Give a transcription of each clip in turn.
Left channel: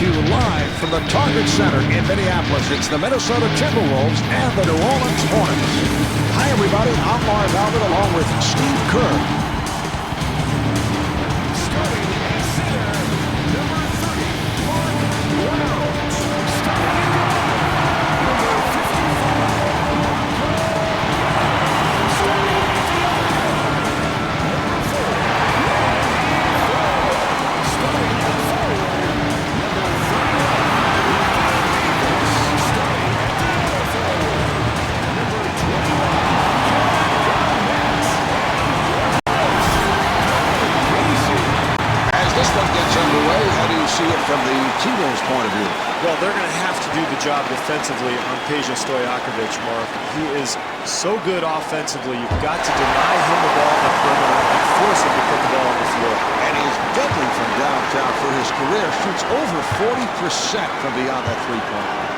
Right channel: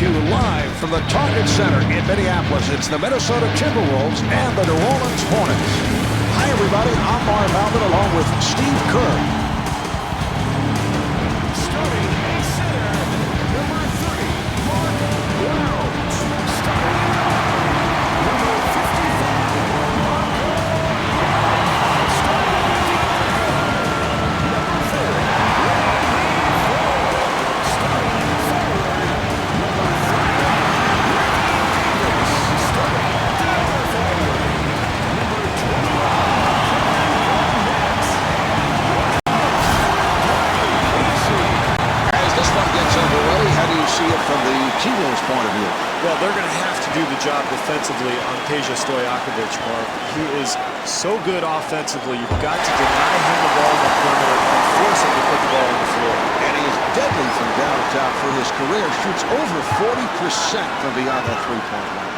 to you live from the Target Center in Minneapolis. It's the Minnesota Timberwolves and the New Orleans Hornets. Hi, everybody. I'm Marv Albert along with Steve Kerr. Starting at center, number 30, Mark Blount. Starting in guard, number 55, Marco Yarrick. Starting at the other guard, number 4, Randy Ford. Starting at forward, number 31, Ricky Davis. Starting at the other forward, number 21, Kevin Garnett. And your coach, Dwayne Casey. As this one gets underway, how do you see it from the T-Wolves' point of view? Well, they're going to have to do the job defensively on Peja Stojakovic, Mark. He is so good offensively. You've got to deny him the ball on the perimeter and force him to put the ball on the floor. And he is deadly from downtown for his career. Shoots over 40% from beyond that three-point line.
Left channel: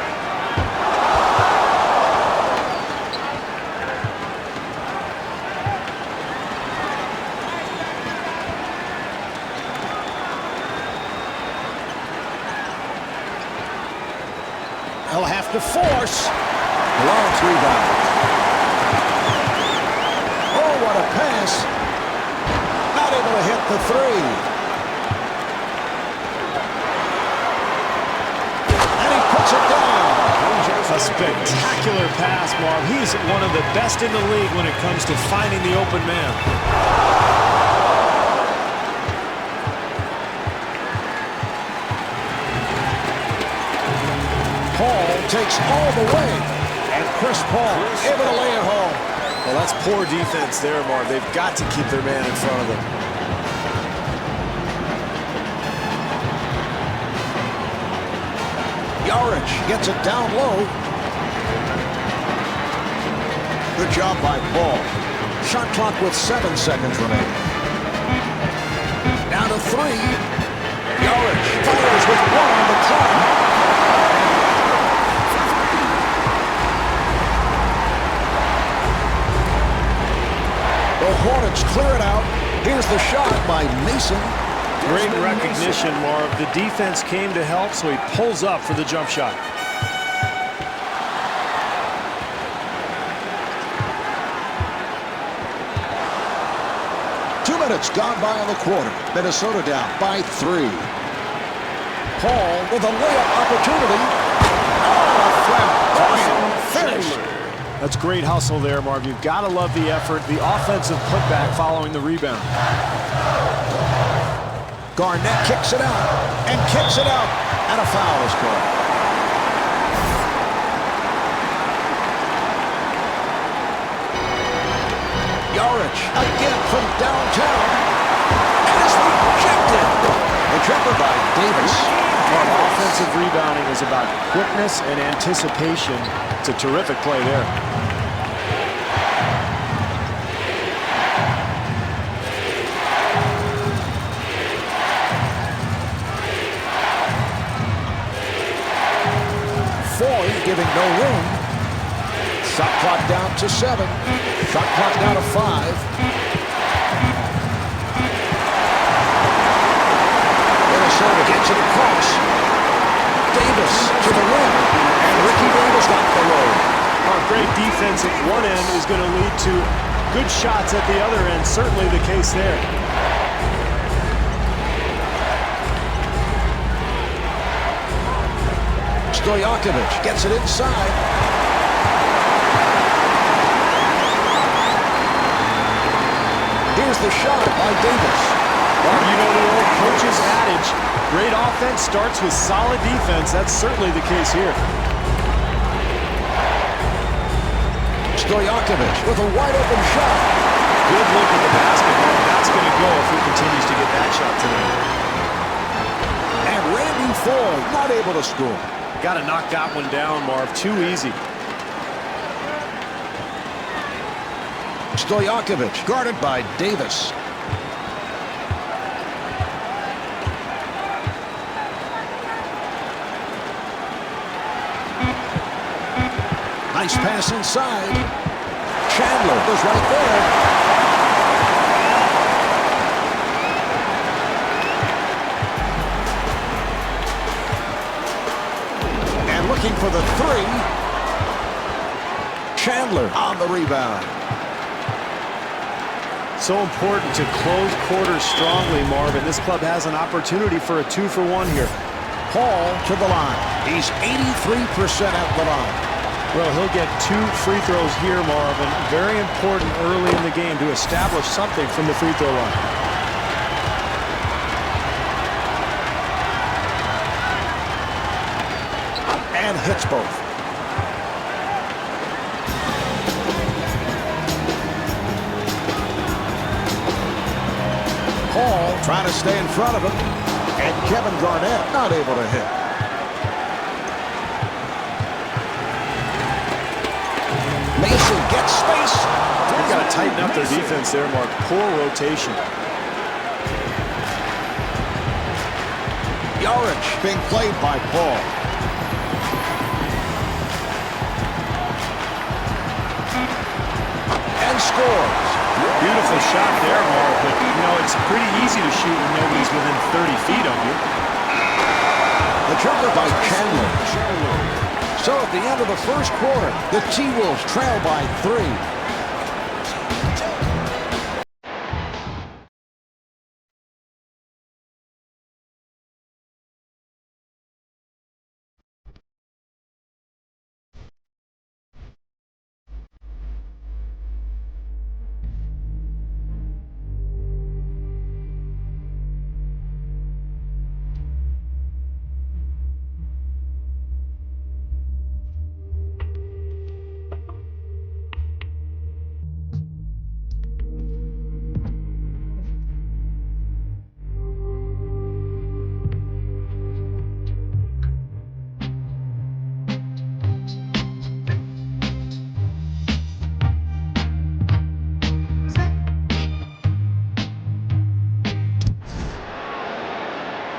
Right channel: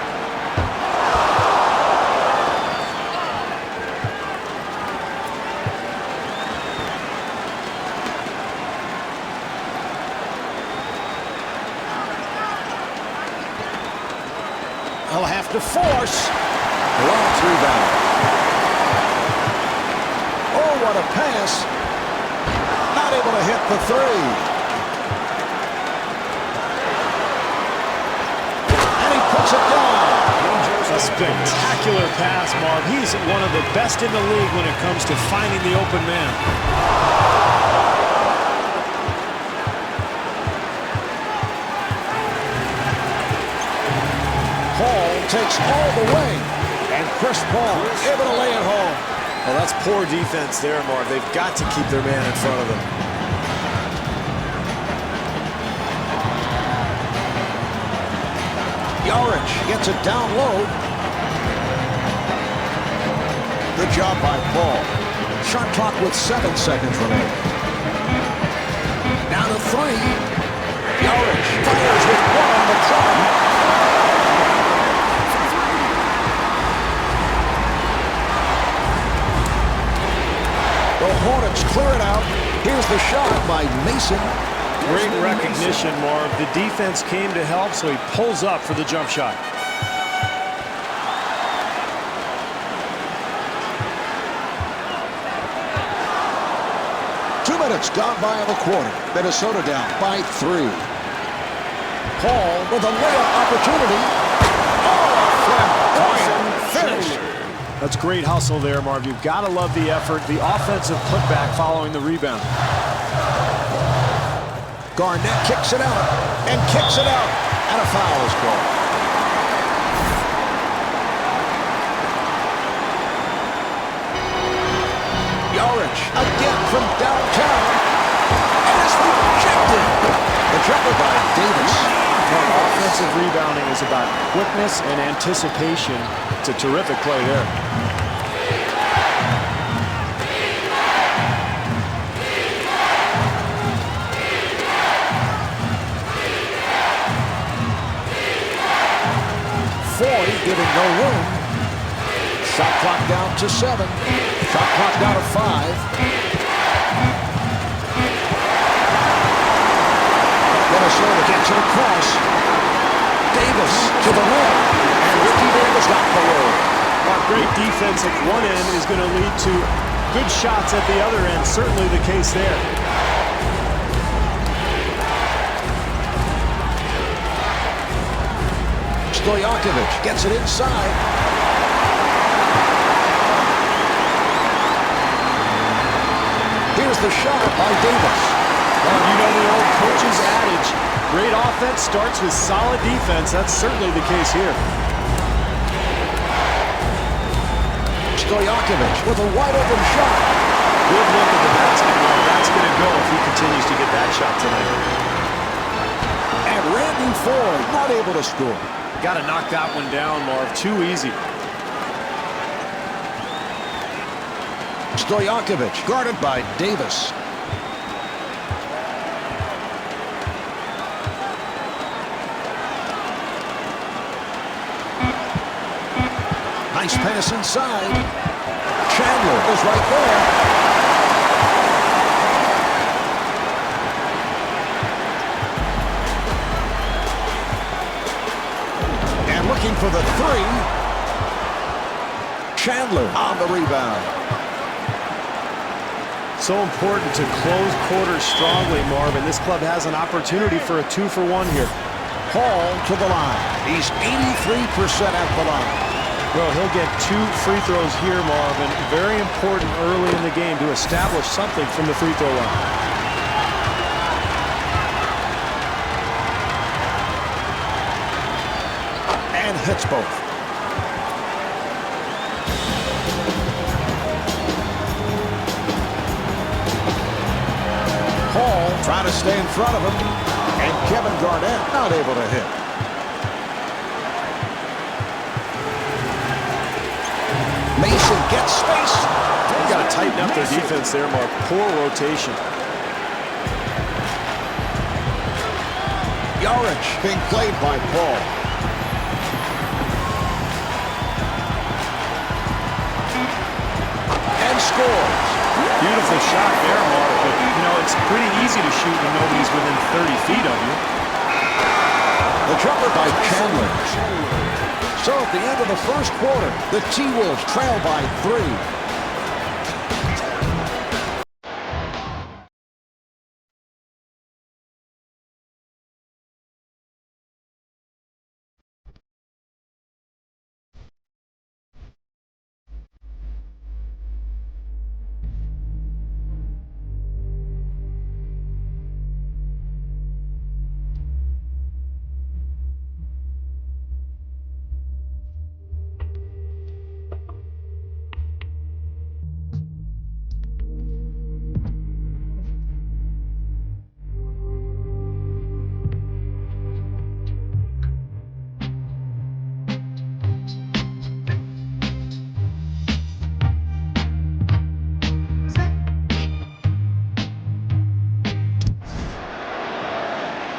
He'll have to force. Blount rebound. Oh, what a pass. Not able to hit the three. And he puts it down. A spectacular pass, Marv. He's one of the best in the league when it comes to finding the open man. Paul takes all the way. And Chris Paul able to lay it home. Well, that's poor defense there, Marv. They've got to keep their man in front of them. Yarich gets it down low. Good job by Paul. Shot clock with 7 seconds remaining. Now to 3. Yarich fires with 1 on the clock. The Hornets clear it out. Here's the shot by Mason. Great recognition, Marv. The defense came to help, so he pulls up for the jump shot. Two minutes gone by in the quarter. Minnesota down by 3. Paul with a layup opportunity. Oh, a flamboyant finish. That's great hustle there, Marv. You've got to love the effort, the offensive putback following the rebound. Garnett kicks it out and kicks it out, and a foul is called. Yarich again from downtown, and it's rejected. The jumper by Davis. Marv, offensive rebounding is about quickness and anticipation. It's a terrific play there. Foy giving no room. Shot clock down to 7. Shot clock down to 5. Minnesota gets it across. Davis to the rim. And Ricky Davis got the roll. Our great defense at one end is going to lead to good shots at the other end. Certainly the case there. Stojakovic gets it inside. Here's the shot by Davis. Marv, you know the old coach's adage, great offense starts with solid defense. That's certainly the case here. Stojakovic with a wide open shot. Good look at the basket, Marv. That's going to go if he continues to get that shot tonight. And Randy Ford not able to score. Got to knock that one down, Marv. Too easy. Stojakovic guarded by Davis. Nice pass inside. Chandler is right there. And looking for the three. Chandler on the rebound. So important to close quarters strongly, Marvin. This club has an opportunity for a 2-for-1 here. Paul to the line. He's 83% at the line. Well, he'll get 2 free throws here, Marvin. Very important early in the game to establish something from the free throw line. And hits both. Paul trying to stay in front of him. And Kevin Garnett not able to hit. Mason gets space. They've got to tighten up their defense there, Mark. Poor rotation. Yarich being played by Paul. And scores. Beautiful shot there, Mark, but, you know, it's pretty easy to shoot when nobody's within 30 feet of you. The jumper by Chandler. So at the end of the first quarter, the T-Wolves trail by 3.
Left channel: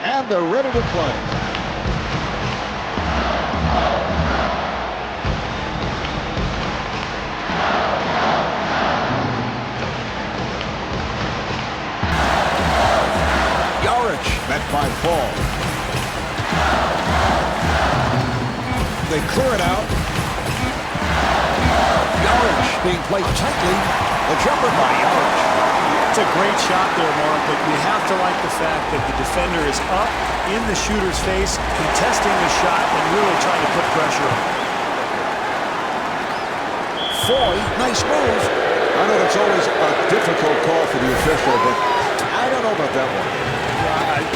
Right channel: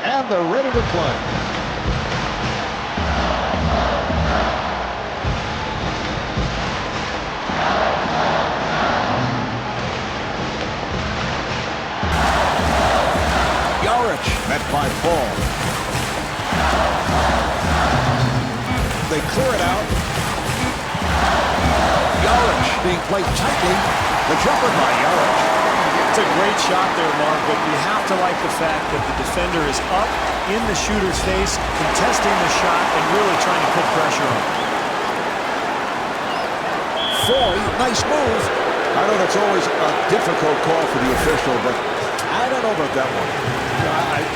And they're ready to play. Yarich met by Paul. They clear it out. Yarich being played tightly. The jumper by Yarich. It's a great shot there, Mark, but you have to like the fact that the defender is up in the shooter's face, contesting the shot, and really trying to put pressure on. Foy, nice move. I know that's always a difficult call for the official, but I don't know about that one.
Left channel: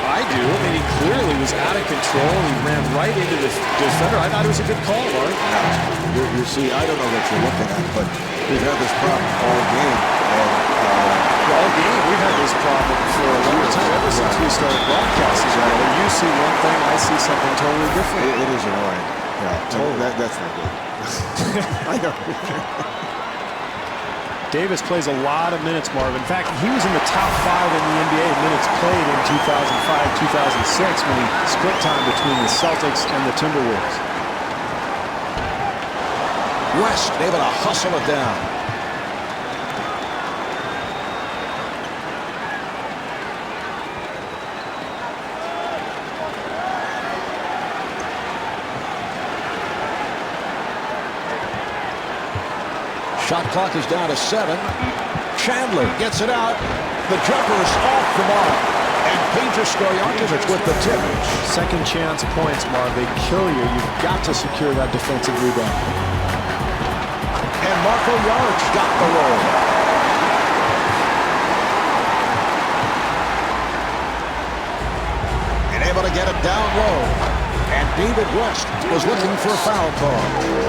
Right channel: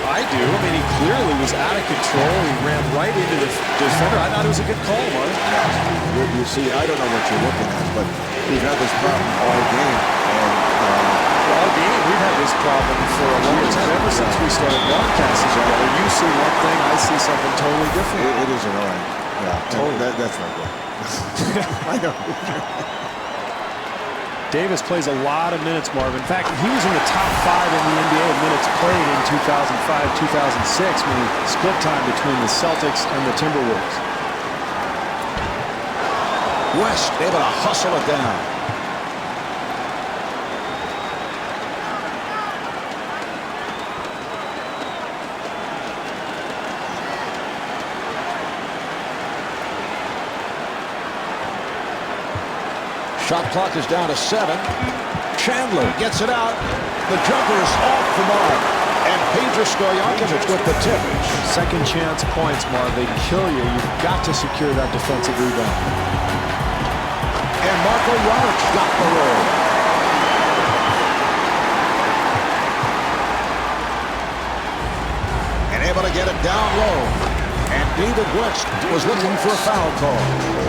I do. I mean, he clearly was out of control. He ran right into the defender. I thought it was a good call, Mark. No, you see, I don't know what you're looking at, but we've had this problem all game, and all game we've had this problem for a long time, ever since we started broadcasting together. You see one thing, I see something totally different. It is annoying. Yeah, totally. That's not good. I know. Davis plays a lot of minutes, Marv. In fact, he was in the top 5 in the NBA in minutes played in 2005-2006 when he split time between the Celtics and the Timberwolves. West able to hustle it down. Shot clock is down to 7. Chandler gets it out. The jumper is off the mark. And Peja Stojakovic with the tip. Second chance points, Marv. They kill you. You've got to secure that defensive rebound. And Marko Jaric got the roll. And able to get it down low. And David West was looking for a foul call.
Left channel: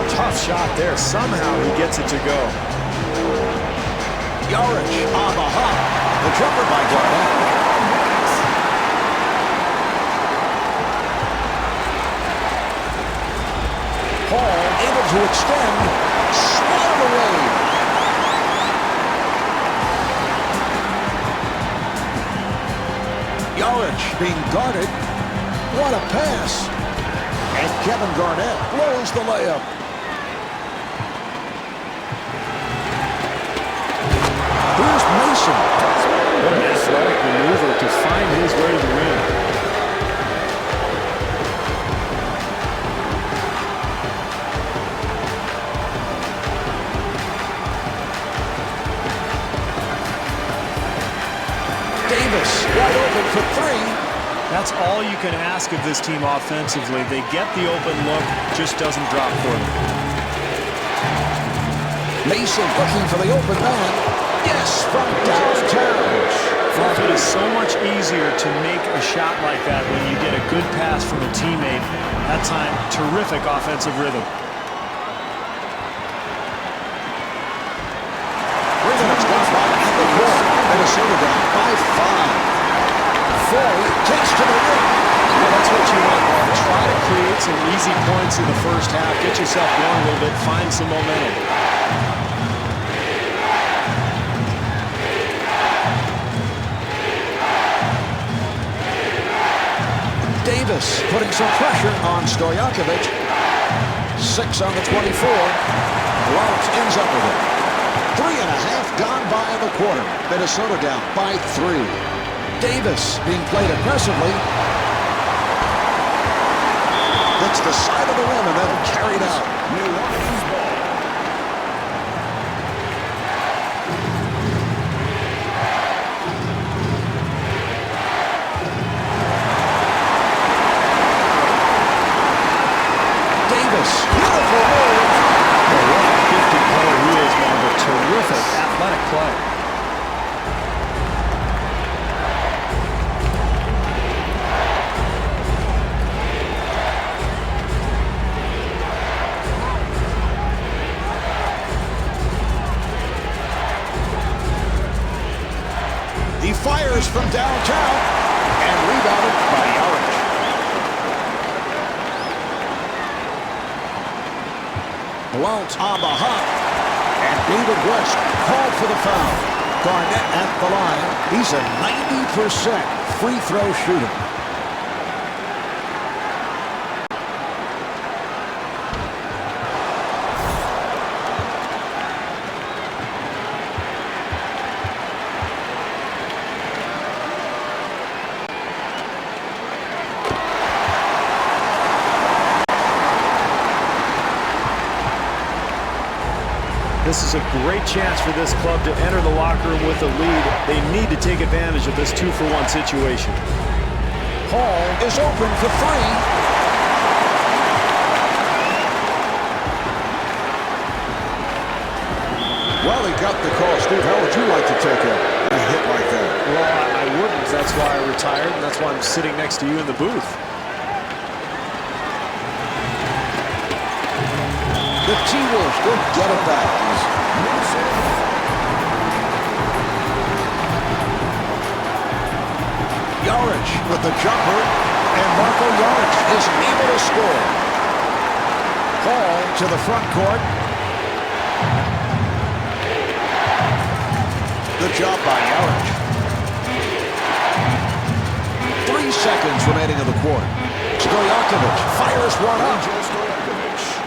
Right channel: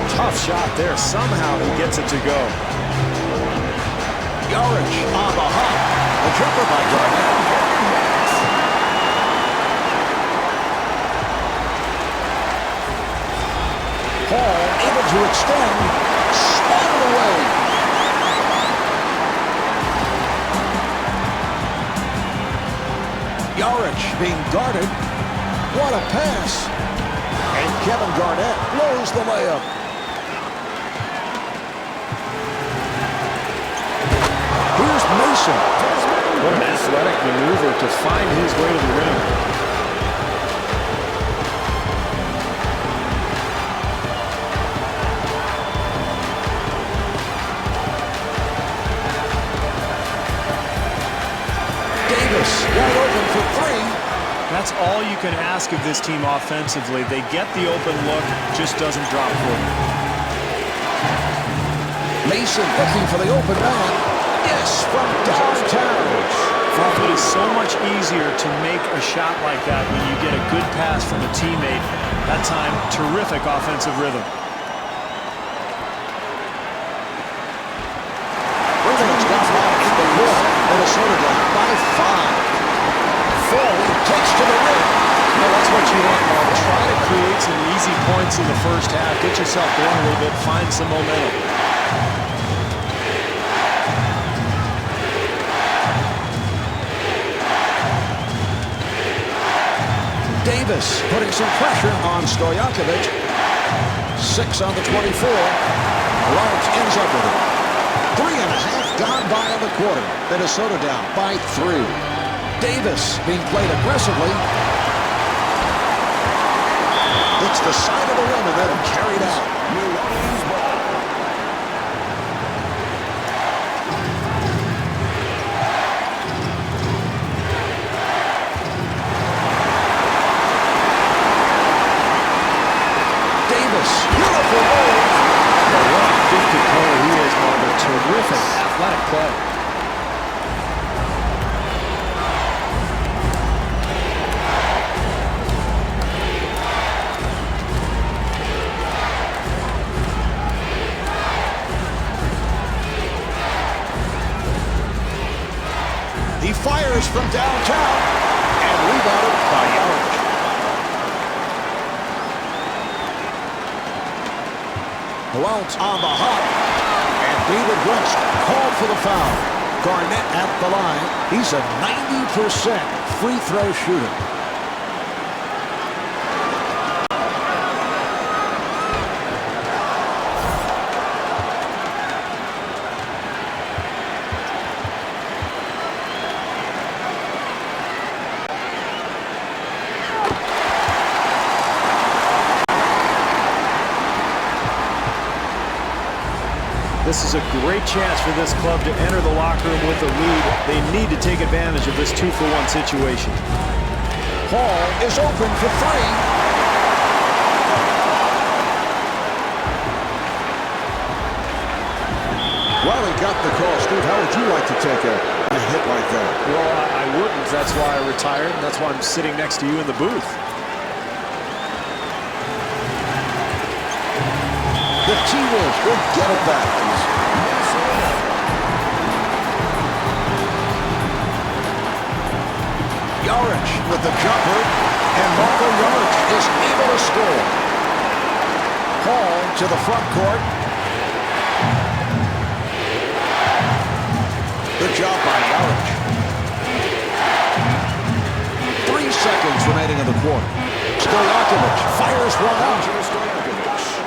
Tough shot there. Somehow he gets it to go. Jaric on the hop. The jumper by Garnett. Paul able to extend. Swatted away. Jaric being guarded. What a pass. And Kevin Garnett blows the layup. Here's Mason. What an athletic maneuver to find his way to the rim. Davis wide open for three. That's all you can ask of this team offensively. They get the open look, just doesn't drop for them. Mason looking for the open man. Yes, from downtown. It is so much easier to make a shot like that when you get a good pass from a teammate. That time, terrific offensive rhythm. 3 minutes gone by in the quarter. Minnesota down by 5. Foy takes to the rim. You know, that's what you want, Mark. Try to create some easy points in the first half. Get yourself going a little bit. Find some momentum. Davis putting some pressure on Stojakovic. 6 on the 24. Lawrence ends up with it. 3.5 gone by in the quarter. Minnesota down by 3. Davis being played aggressively. Hits the side of the rim and then carried out. New Orleans ball. Davis, beautiful move. Well, what a gifted player he is, Marv. A terrific athletic play. He fires from downtown and rebounded by Yarich. Blount on the hop, and David West called for the foul. Garnett at the line. He's a 90% free throw shooter. This is a great chance for this club to enter the locker room with a lead. They need to take advantage of this 2-for-1 situation. Hall is open for 3. Well, he got the call. Steve, how would you like to take a hit like that? Well, I wouldn't. That's why I retired, and that's why I'm sitting next to you in the booth. The T-Wolves will get it back. Minnesota ball. Yarich with the jumper, and Marco Yarich is able to score. Hall to the front court. Good job by Yarich. 3 seconds remaining in the quarter. Stojakovic fires one up. Stojakovic.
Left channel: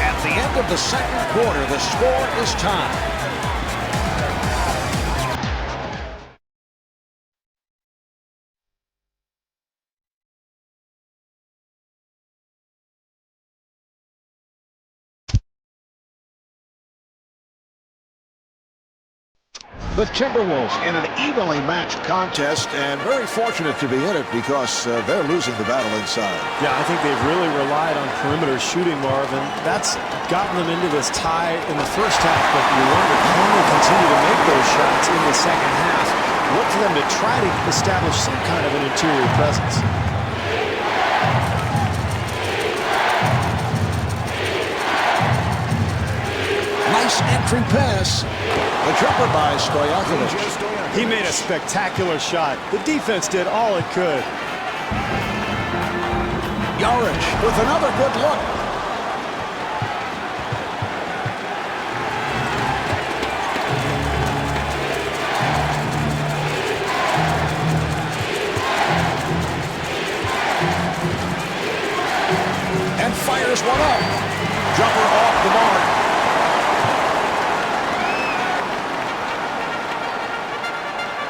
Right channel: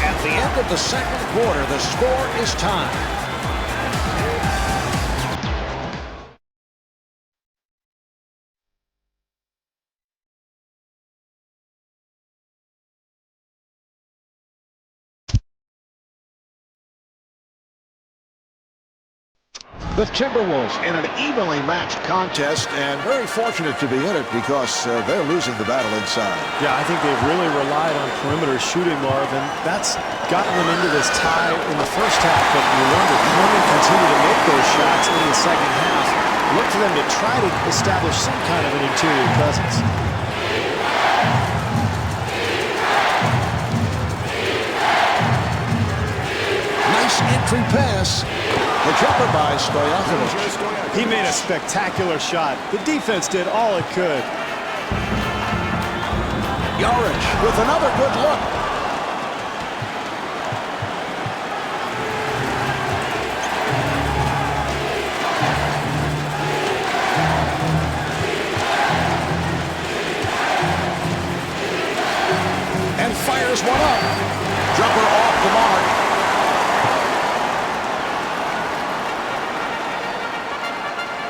At the end of the second quarter, the score is tied. The Timberwolves in an evenly matched contest, and very fortunate to be in it because they're losing the battle inside. Yeah, I think they've really relied on perimeter shooting, Marv, and that's gotten them into this tie in the first half, but you wonder, can they continue to make those shots in the second half? Look for them to try to establish some kind of an interior presence. Nice entry pass. The jumper by Stojakovic. He made a spectacular shot. The defense did all it could. Yarich with another good look. And fires one up. Jumper off the mark.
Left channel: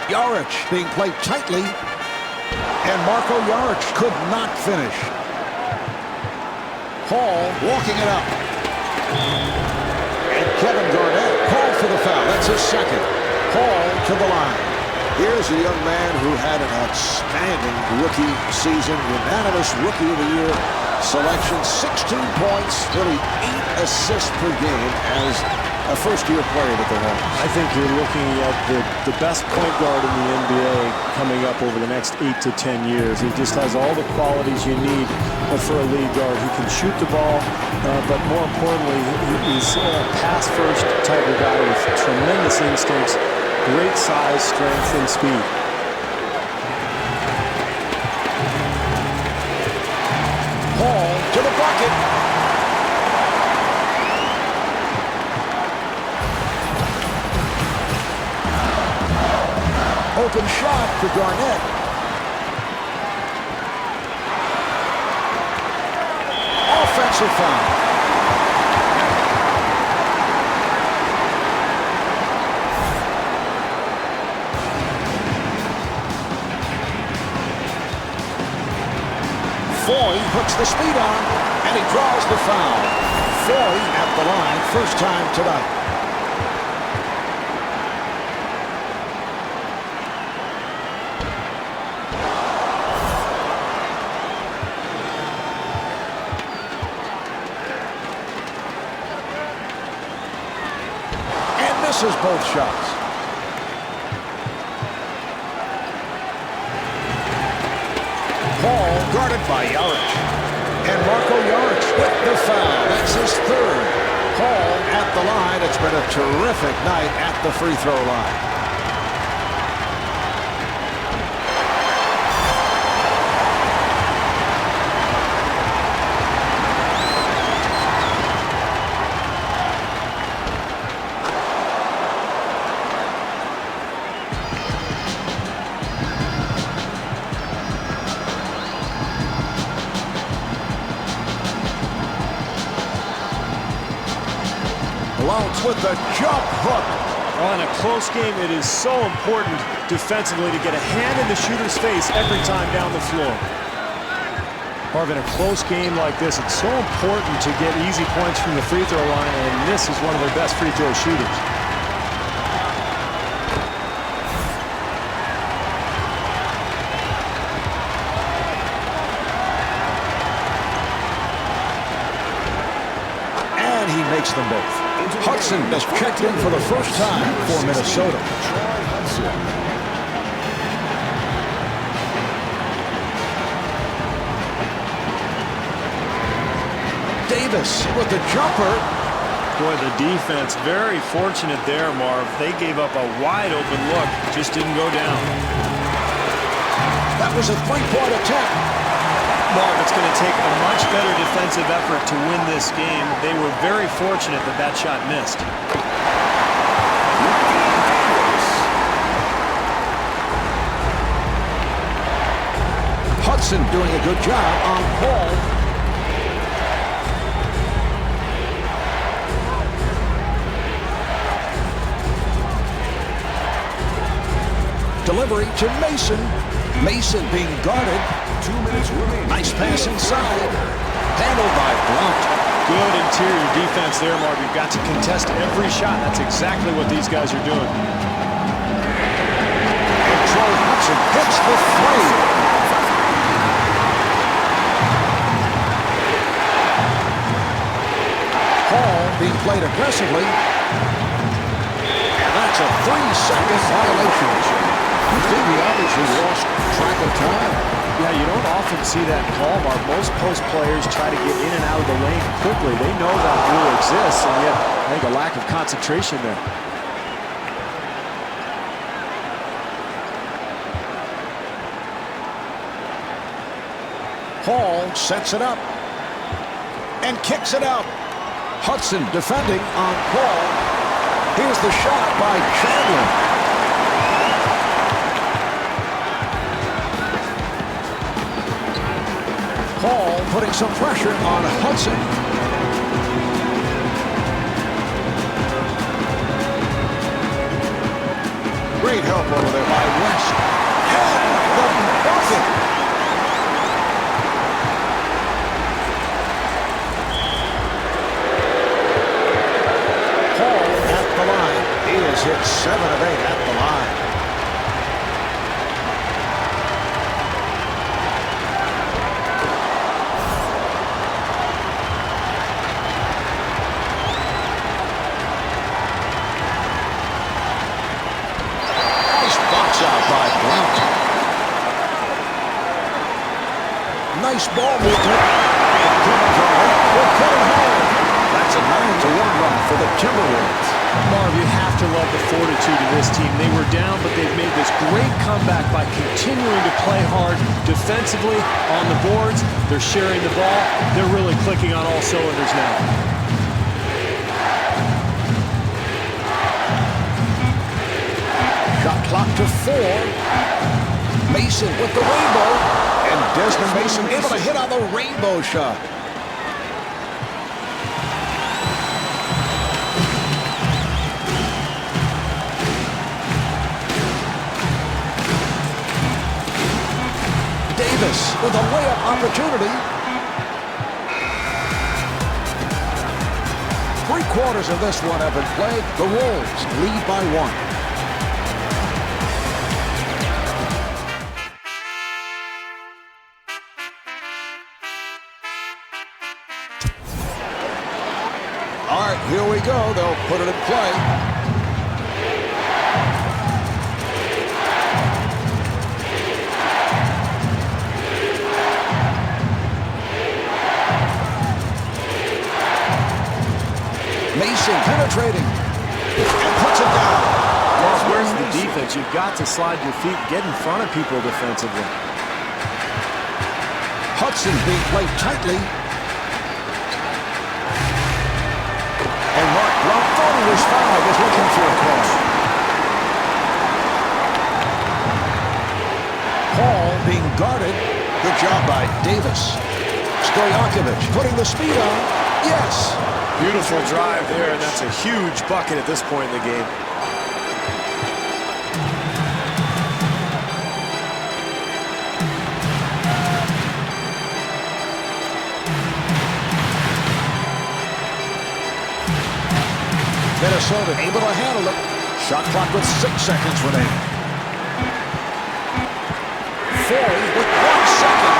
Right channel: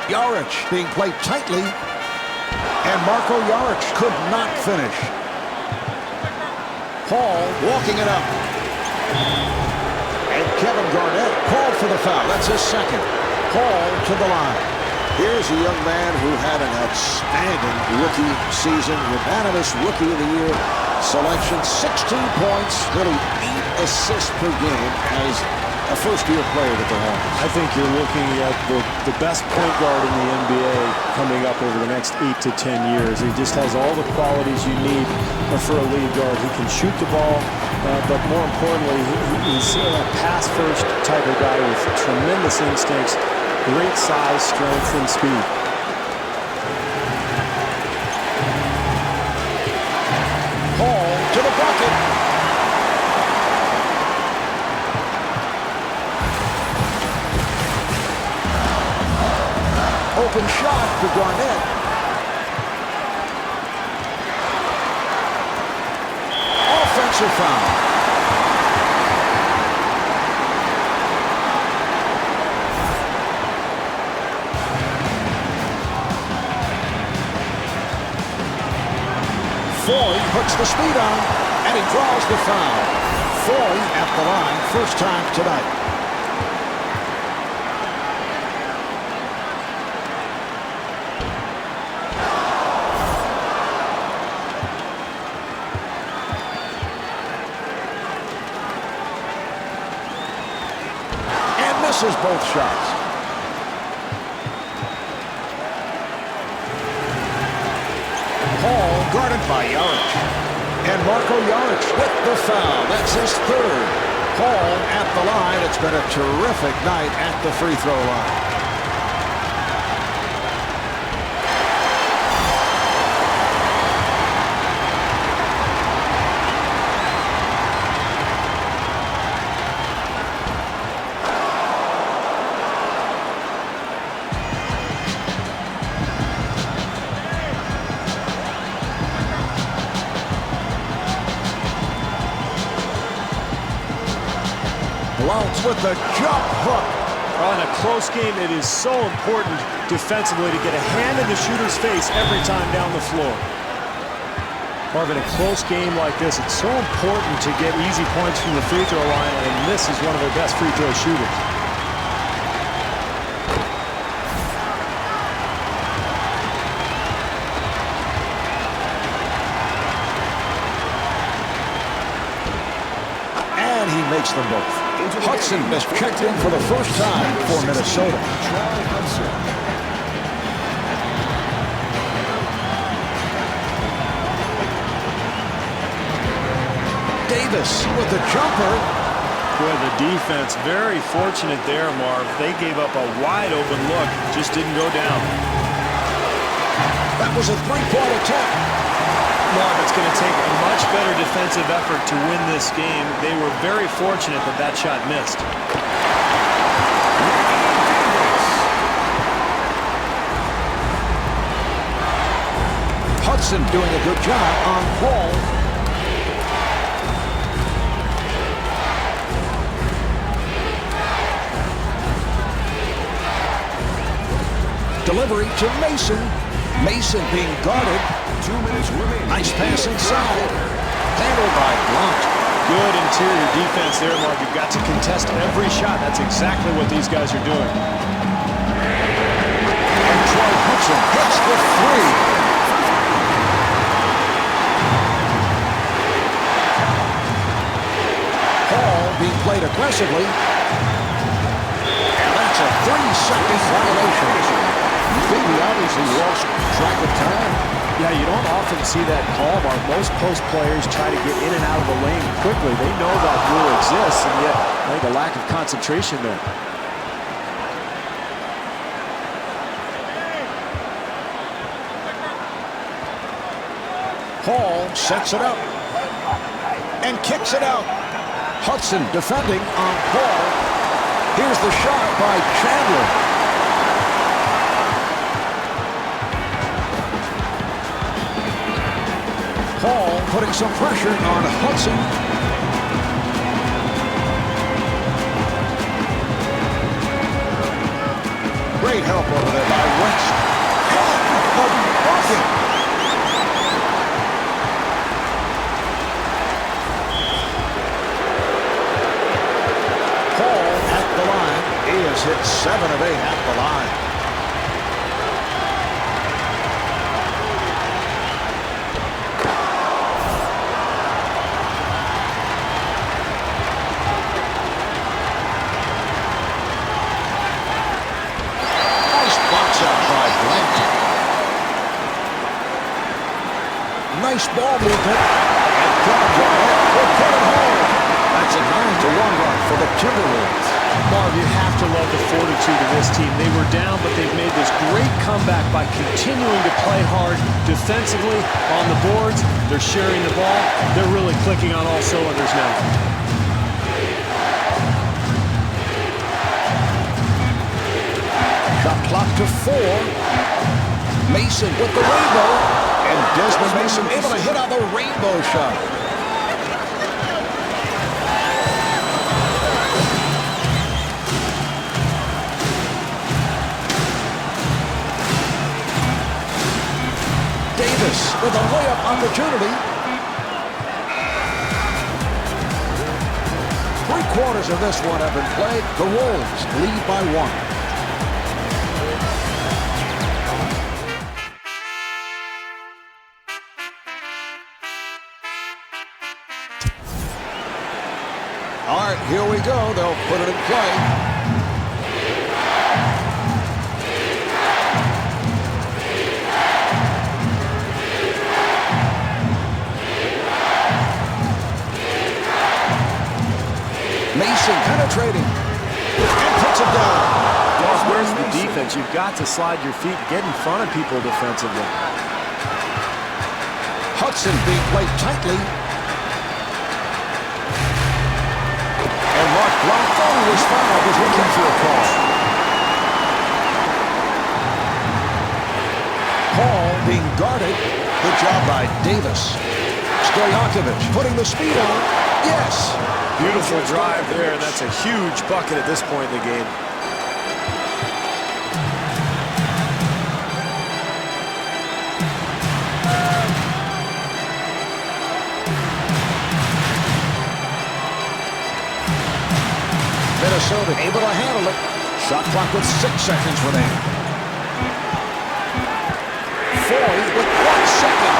Yarich being played tightly, and Marco Yarich could not finish. Hall walking it up. And Kevin Garnett called for the foul. That's his second. Hall to the line. Here's a young man who had an outstanding rookie season. Unanimous Rookie of the Year selection. 16 points, nearly 8 assists per game as a first-year player with the Hornets. I think you're looking at the best point guard in the NBA coming up over the next 8 to 10 years. He just has all the qualities you need for a lead guard. He can shoot the ball, but more importantly, he's a pass-first type of guy with tremendous instincts, great size, strength, and speed. Hall to the bucket. Open shot for Garnett. Offensive foul. Foy puts the speed on, and he draws the foul. Foy at the line, first time tonight. And misses both shots. Hall guarded by Jaric. And Marko Jaric with the foul. That's his third. Hall at the line. It's been a terrific night at the free throw line. Blount with the jump hook. Well, in a close game, it is so important defensively to get a hand in the shooter's face every time down the floor. Marvin, in a close game like this, it's so important to get easy points from the free throw line, and this is one of their best free throw shooters. And he makes them both. Hudson has checked in for the first time for Minnesota. Troy Hudson. Davis with the jumper. Boy, the defense very fortunate there, Marv. They gave up a wide open look, just didn't go down. That was a three-point attempt. Marv, it's going to take a much better defensive effort to win this game. They were very fortunate that that shot missed. Hudson doing a good job on Paul. Delivery to Mason. Mason being guarded. 2 minutes remaining. Nice pass inside. Handled by Blount. Good interior defense there, Marv. You've got to contest every shot. That's exactly what these guys are doing. And Troy Hudson hits the three. Hall being played aggressively. And that's a 3-second violation. Stevie obviously lost track of time. Yeah, you don't often see that call, Mark. Most post players try to get in and out of the lane quickly. They know that rule exists, and yet I think a lack of concentration there. Hall sets it up and kicks it out. Hudson defending on Paul. Here's the shot by Chandler. Hall putting some pressure on Hudson. Great help over there by West. And the bucket. Hall He has hit 7 of 8 at the line. Nice box out by Blount. Nice ball movement. And Kevin Garnett will put it home. That's a 9-1 run for the Timberwolves. Marv, you have to love the fortitude of this team. They were down, but they've made this great comeback by continuing to play hard defensively on the boards. They're sharing the ball. They're really clicking on all cylinders now. Shot clock to 4. Mason with the rainbow. And Desmond Mason able to hit on the rainbow shot. Davis with a layup opportunity. 3/4 of this one have been played. The Wolves lead by 1. All right, here we go. They'll put it in play. Mason penetrating and puts it down. Well, where's the defense? You've got to slide your feet, get in front of people defensively. Hudson being played tightly. And Mark Blount thought he was fouled, was looking for a call. Hall being guarded. Good job by Davis. Stojakovic putting the speed on. Yes. Beautiful drive there, and that's a huge bucket at this point in the game. Minnesota able to handle it. Shot clock with 6 seconds remaining. Foy with 1 second.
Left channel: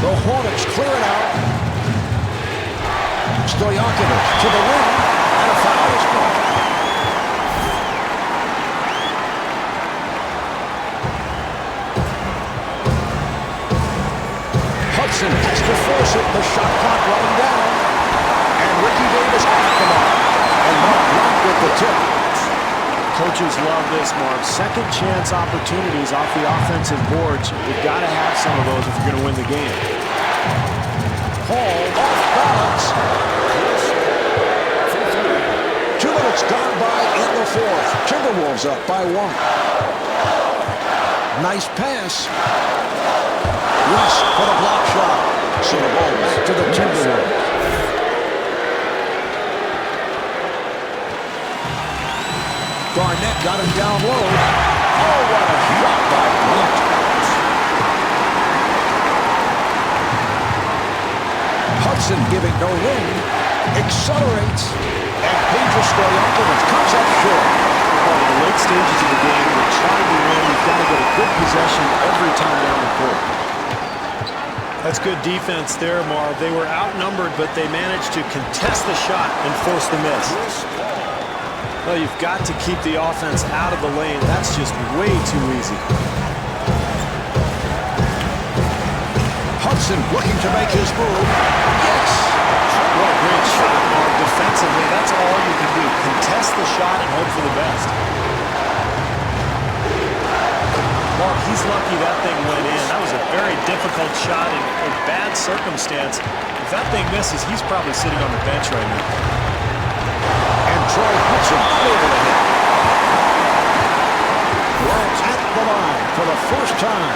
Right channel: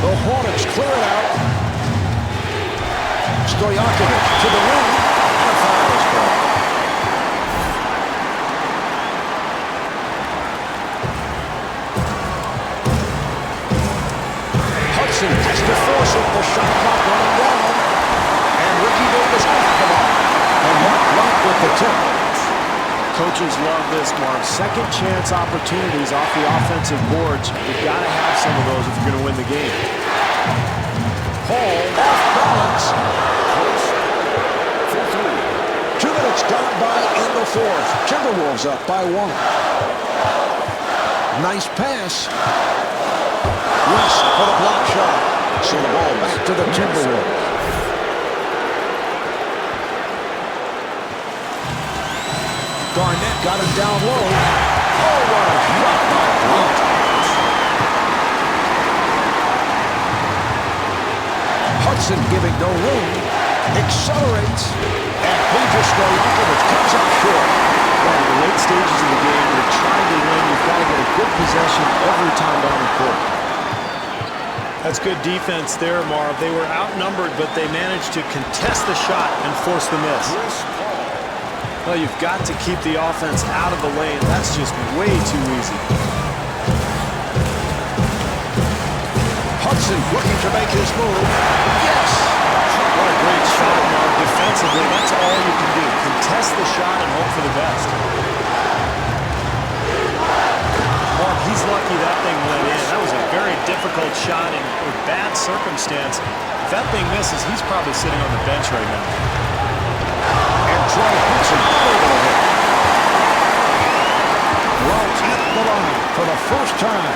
The Hornets clear it out. Stojakovic to the rim, and a foul is called. Hudson has to force it. The shot clock running down. And Ricky Davis off the mark. And Mark Blount with the tip. Coaches love this, Marv. Second chance opportunities off the offensive boards. You've got to have some of those if you're going to win the game. Hall off balance. 2 minutes gone by in the 4th. Timberwolves up by 1. Nice pass. West for the block shot. So the ball back to the Timberwolves. Garnett got it down low. Oh, what a shot by Blount. Hudson giving no room. Accelerates. And Pedro Stojakovic comes up short. Well, in the late stages of the game, you're trying to win. You've got to get a good possession every time down the court. That's good defense there, Marv. They were outnumbered, but they managed to contest the shot and force the miss. Well, you've got to keep the offense out of the lane. That's just way too easy. Hudson looking to make his move. Yes! What a great shot, Marv. Defensively, that's all you can do. Contest the shot and hope for the best. Marv, he's lucky that thing went in. That was a very difficult shot in a bad circumstance. If that thing misses, he's probably sitting on the bench right now. And Troy Hudson not able to hit. Blount at the line for the first time.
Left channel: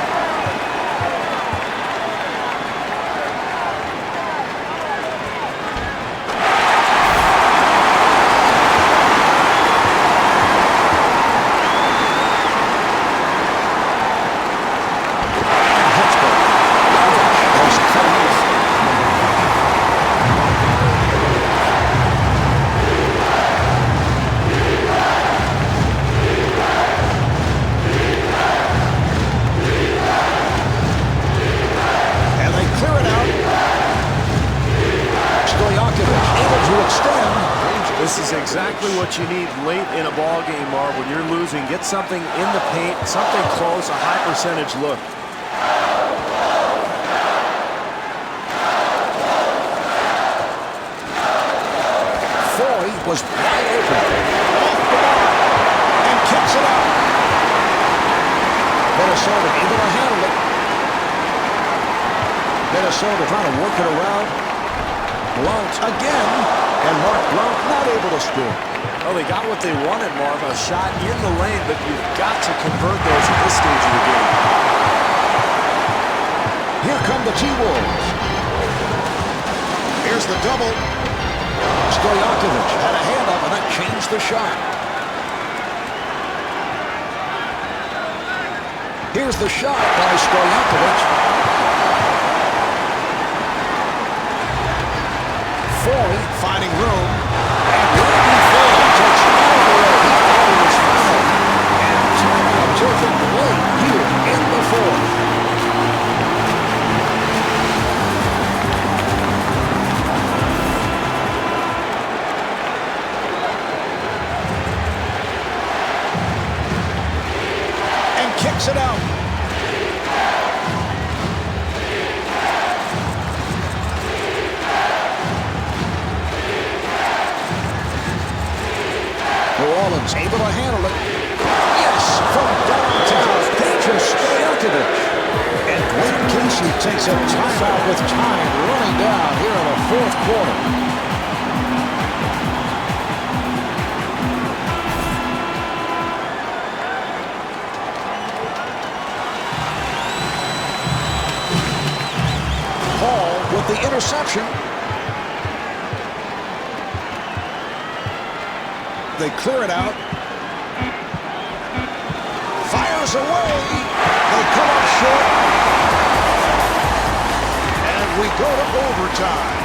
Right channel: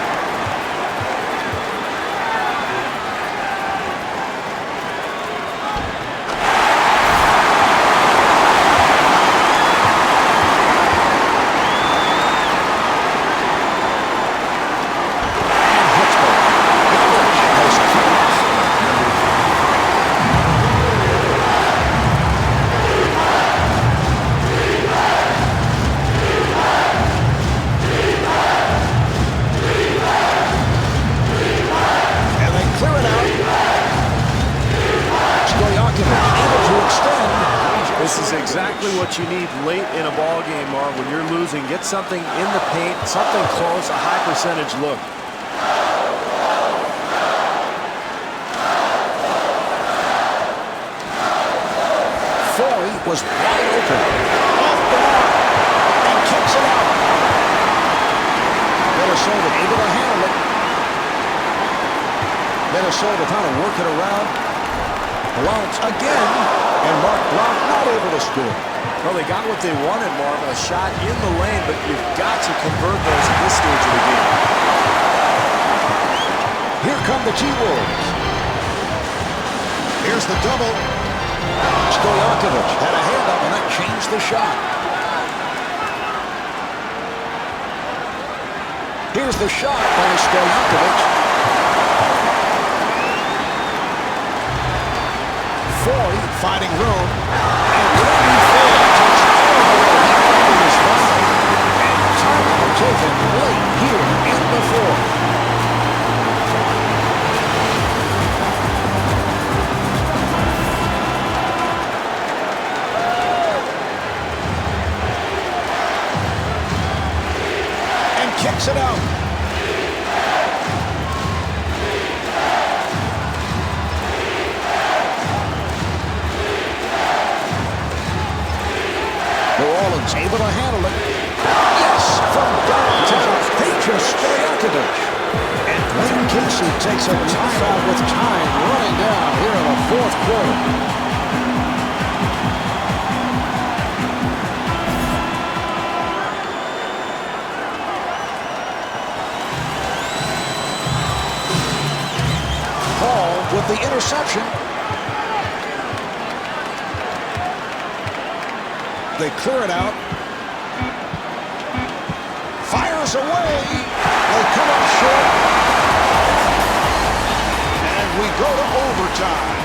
to extend. This is exactly what you need late in a ball game, Marv. When you're losing, get something in the paint, something close, a high percentage look. Foy was wide open. Off the mark. And kicks it out. Minnesota able to handle it. Minnesota trying to work it around. Blount again. And Mark Blount not able to score. Well, they got what they wanted, Marv. A shot in the lane, but you've got to convert those at this stage of the game. Here come the T-Wolves. Here's the double. Stojakovic had a hand up, and that changed the shot. Here's the shot by Stojakovic. Foy finding room. And Randy Foy takes all the way. He thought he was fouled. And timeout taken late here in the fourth. And kicks it out. New Orleans able to handle it. Yes, from downtown. Petrus Stojakovic. And Dwayne Casey takes a timeout with time running down here in the fourth quarter. Hall with the interception. They clear it out. Fires away. They come up short. And we go to overtime.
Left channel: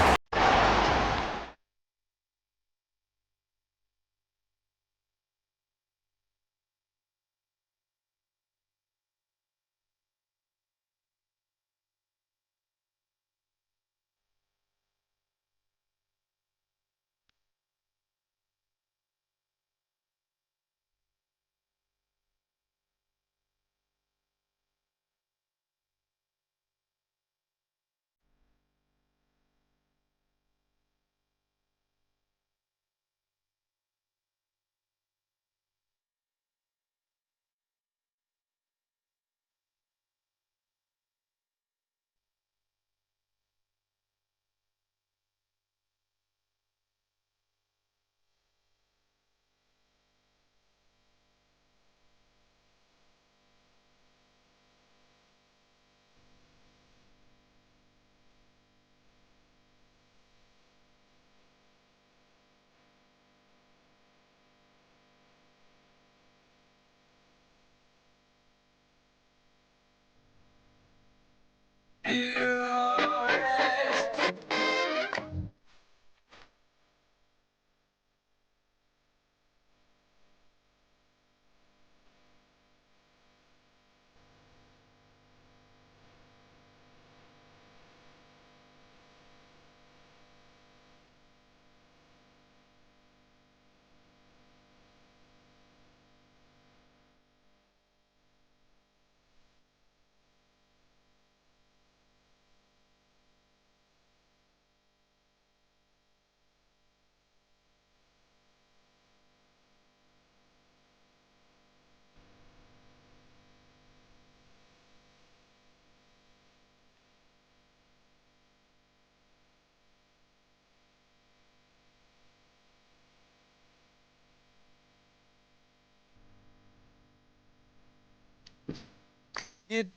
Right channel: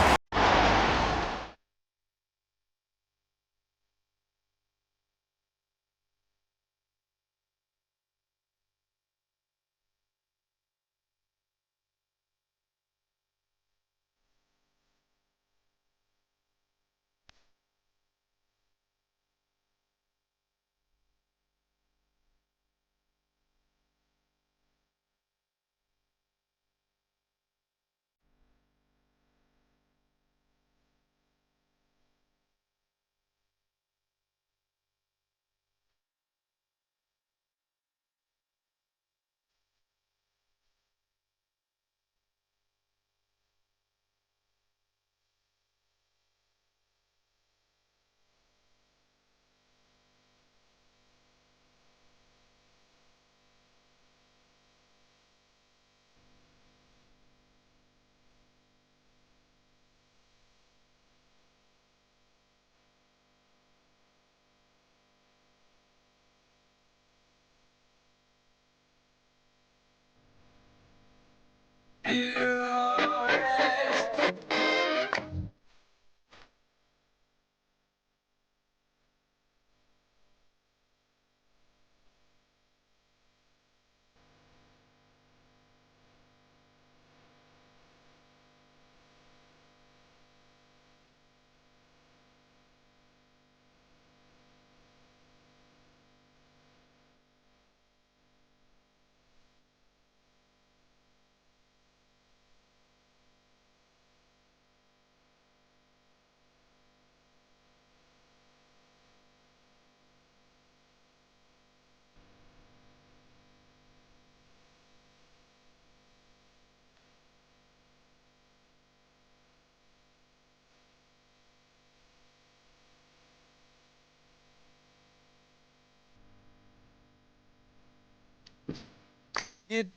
It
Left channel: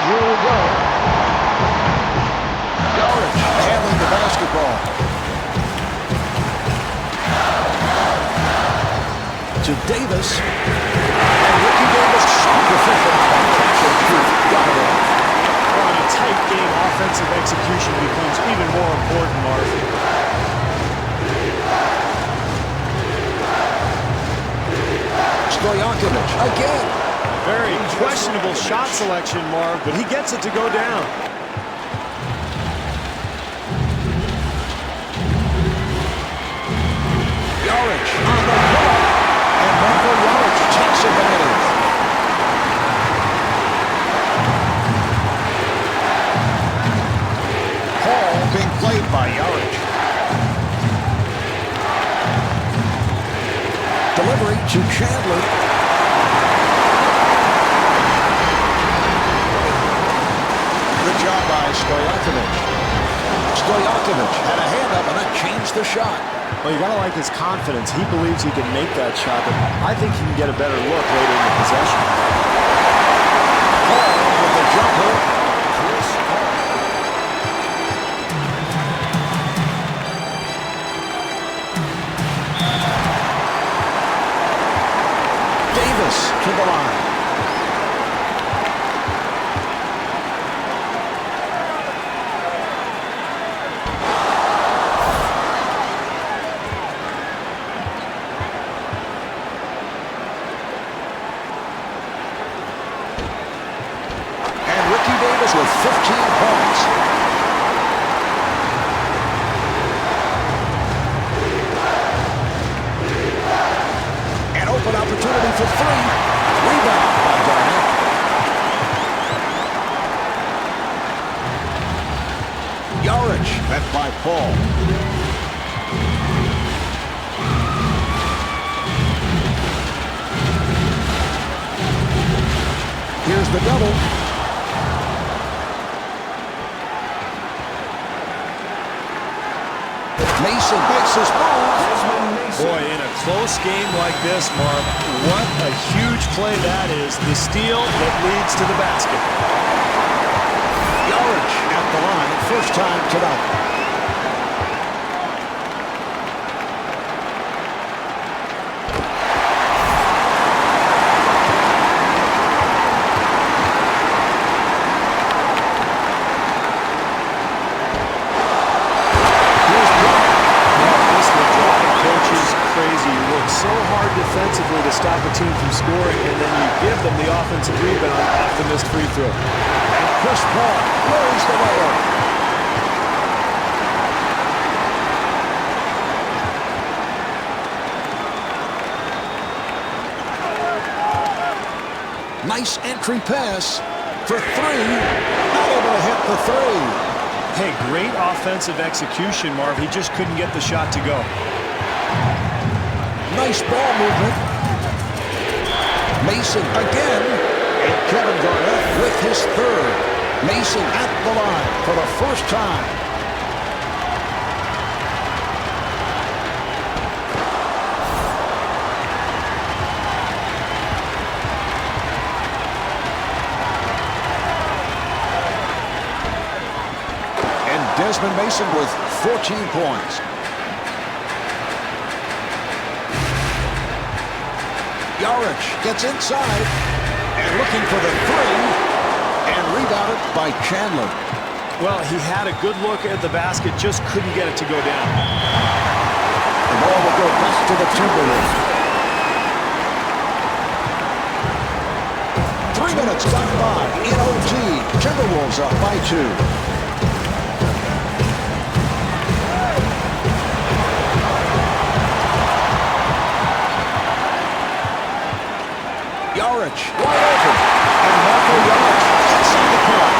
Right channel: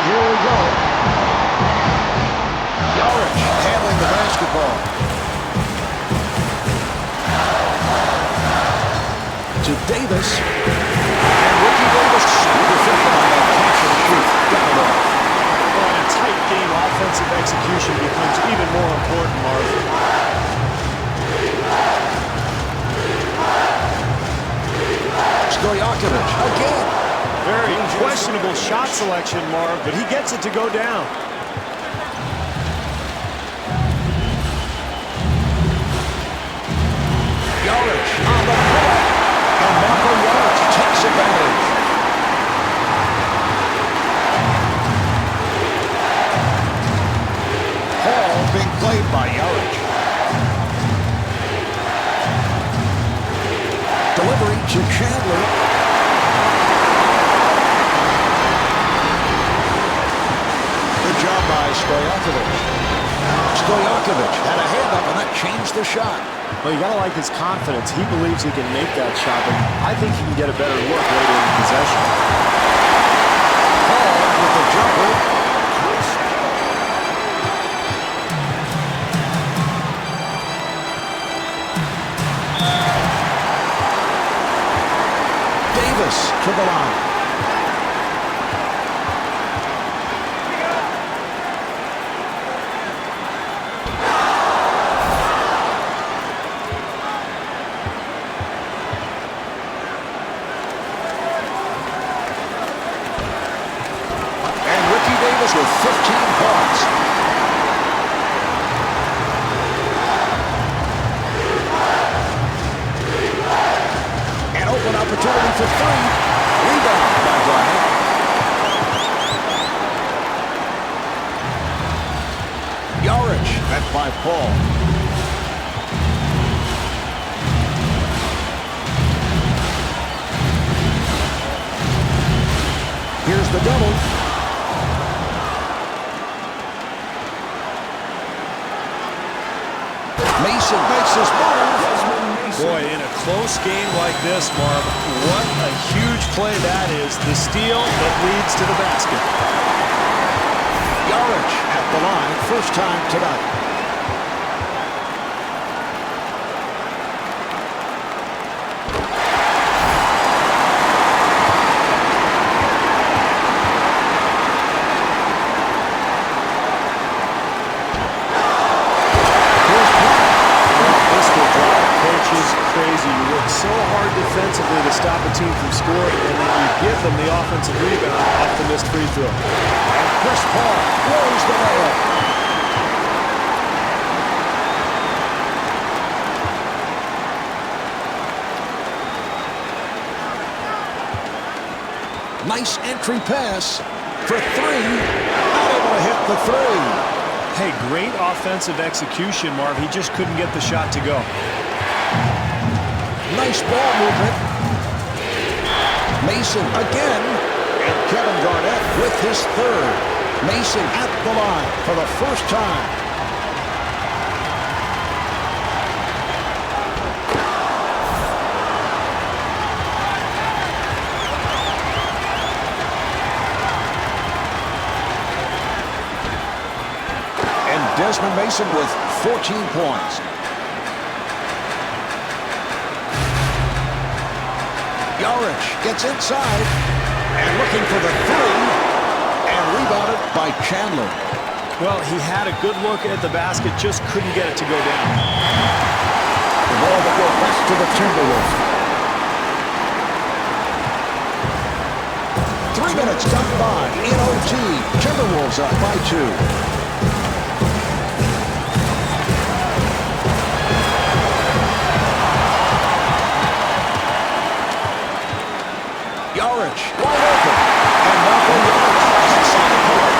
Here we go. Yarich handling the basketball. To Davis. And Ricky Davis so proficient on that catch and shoot. Got it off. Well, in a tight game, offensive execution becomes even more important, Marv. Stojakovic again. Very questionable shot selection, Marv, but he gets it to go down. Jaric on the pull-up. And Marko Jaric takes advantage. Hall being played by Jaric. Delivery to Chandler. Good job by Stojakovic. Stojakovic had a hand up, and that changed the shot. Well, you got to like his confidence. He believes he can make that shot, but I think he can get a better look later in the possession. Hall with the jumper. Chris Paul. Davis to the line. And Ricky Davis with 15 points. An open opportunity for three. Rebound by Garnett. Jaric met by Paul. Here's the double. Mason makes his move. Desmond Mason. Boy, in a close game like this, Marv, what a huge play that is. The steal that leads to the basket. Jaric at the line, first time tonight. This will drive coaches crazy. You work so hard defensively to stop a team from scoring, and then you give them the offensive rebound off the missed free throw. And Chris Paul blows the layup. Nice entry pass for three. Not able to hit the three. Hey, great offensive execution, Marv. He just couldn't get the shot to go. Nice ball movement. Mason again. And Kevin Garnett with his third. Mason at the line for the first time. And Desmond Mason with 14 points. Jaric gets inside and looking for the three and rebounded by Chandler. Well, he had a good look at the basket, just couldn't get it to go down. The ball will go back to the Timberwolves. 3 minutes gone by in OT. Timberwolves up by 2. Jaric wide open, and Marko Jaric hits on the pull-up.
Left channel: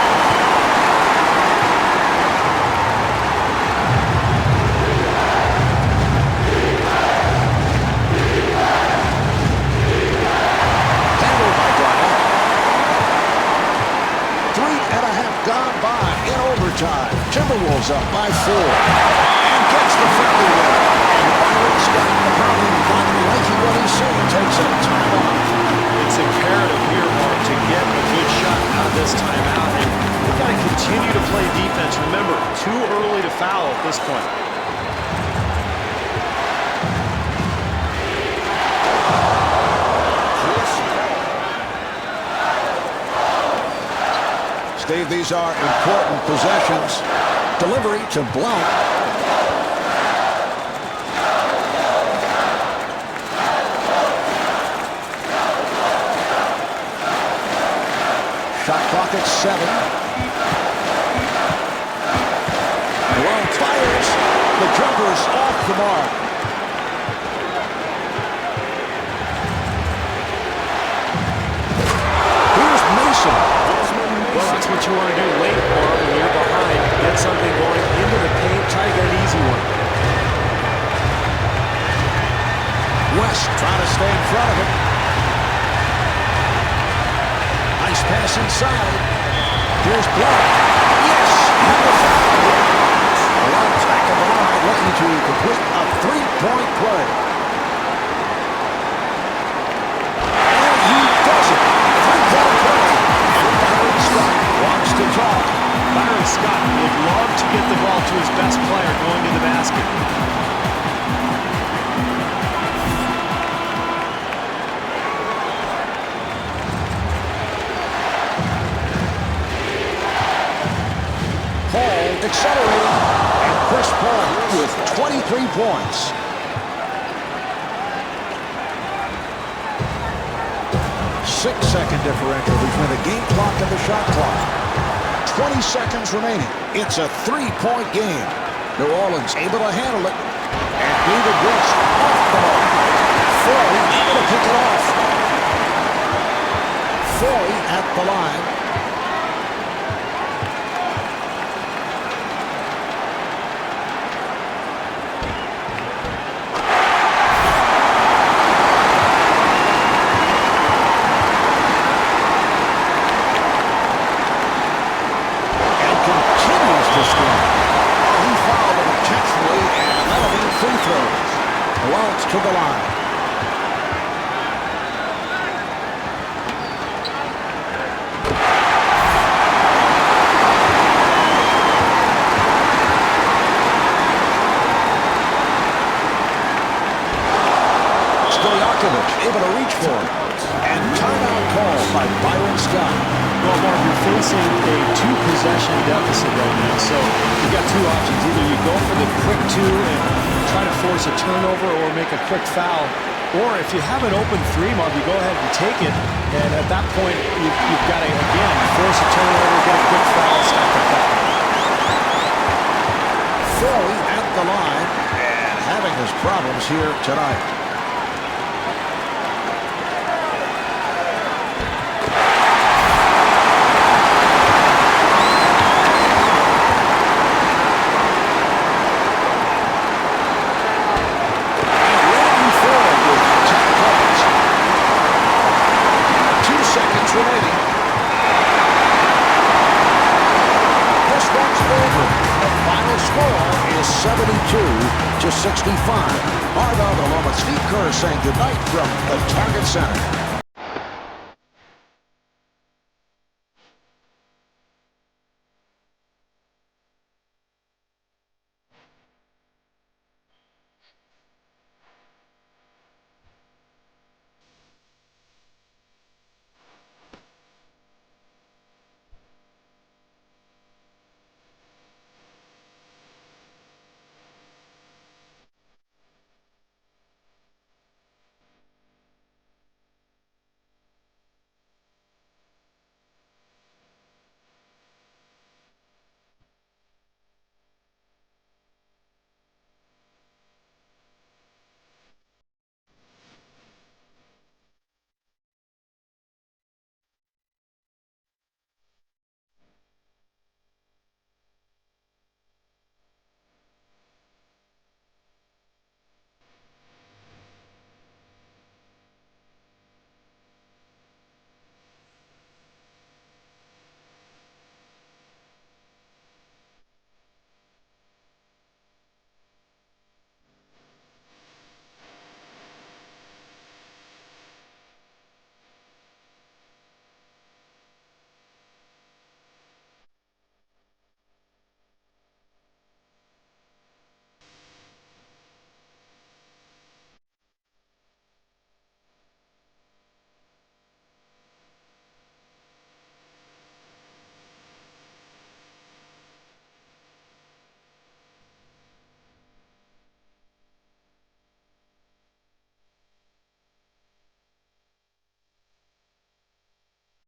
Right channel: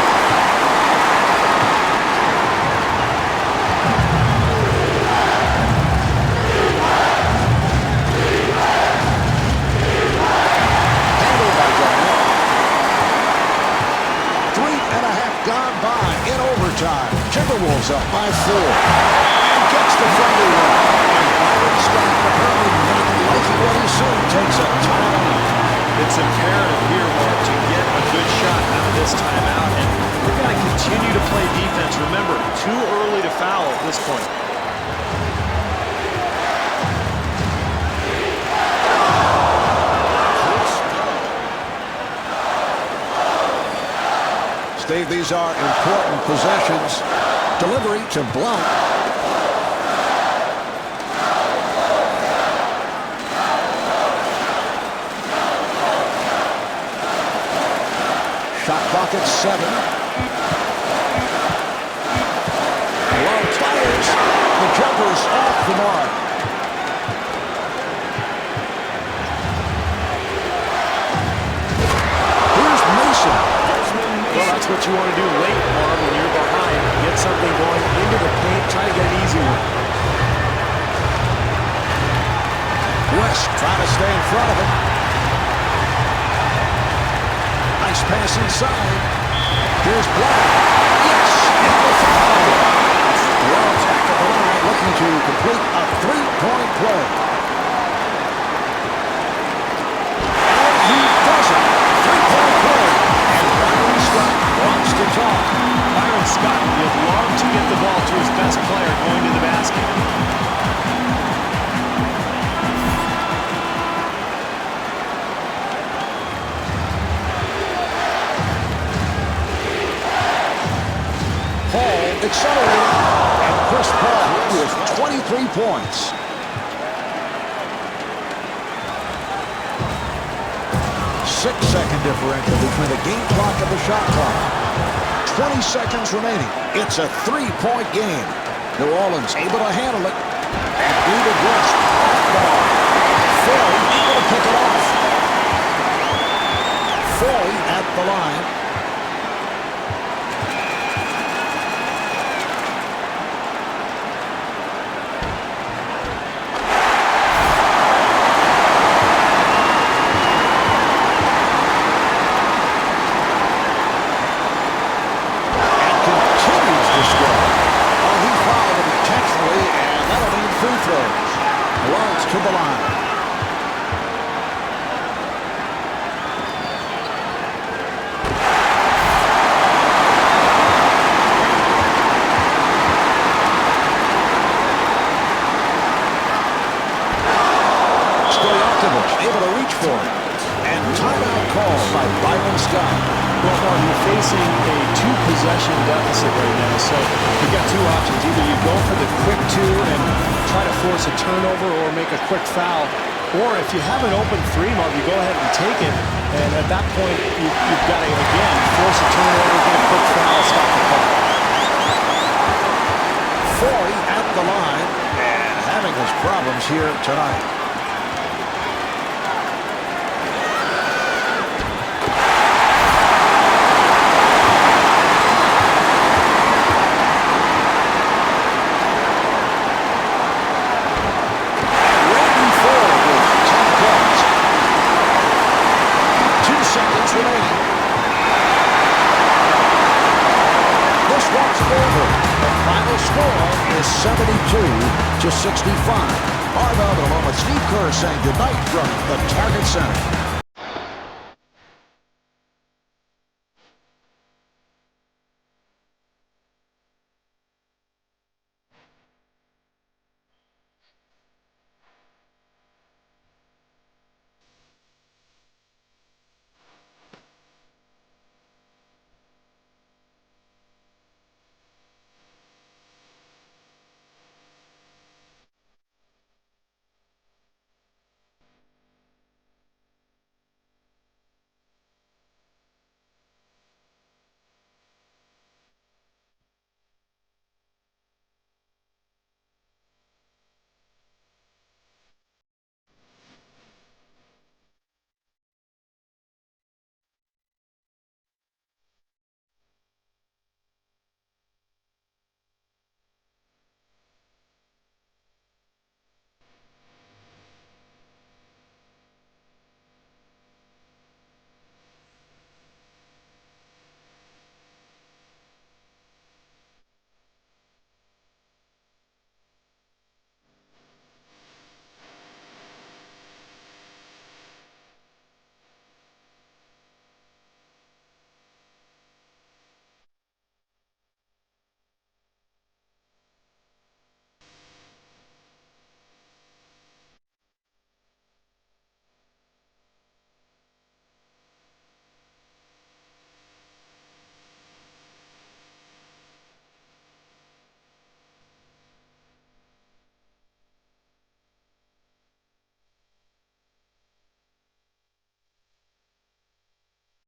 Handled by Garnett. 3.5 gone by in overtime. Timberwolves up by 4, and gets the friendly rim. And Byron Scott, apparently not liking what he's seeing, takes a timeout. It's imperative here, Mark, to get a good shot out of this timeout, and they've got to continue to play defense. Remember, too early to foul at this point. Steve, these are important possessions. Delivery to Blount. Shot clock at 7. Blount fires. The jumper's off the mark. Here's Mason. Well, that's what you want to do late, Marv, when you're behind. Get something going into the paint. Try to get an easy one. West trying to stay in front of him. Nice pass inside. Here's Blount. Yes, and the foul. Blount's back at the line looking to complete a three-point play. And he does it. Three-point play. And Byron Scott wants to talk. Byron Scott would love to get the ball to his best player going to the basket. Paul accelerating, and Chris Paul with 23 points. Six-second differential between the game clock and the shot clock. 20 seconds remaining. It's a three-point game. New Orleans able to handle it. And David West off the mark. Foy able to pick it off. Foy at the line. Continues to struggle. Oh, he fouled him intentionally, and that'll mean free throws. Blount to the line. Stojakovic able to reach for it. And timeout called by Byron Scott. Well, Marv, you're facing a two-possession deficit right now, so you've got two options. Either you go for the quick two and try to force a turnover or make a quick foul, or if you have an open three, Marv, you go ahead and take it, and at that point, you've got to, again, force a turnover, get a quick foul, stop the clock. Foy at the line and having his problems here tonight. With 10 points. 2 seconds remaining. This one's over. The final score is 72-65. Marv Albert along with Steve Kerr saying goodnight from the Target Center.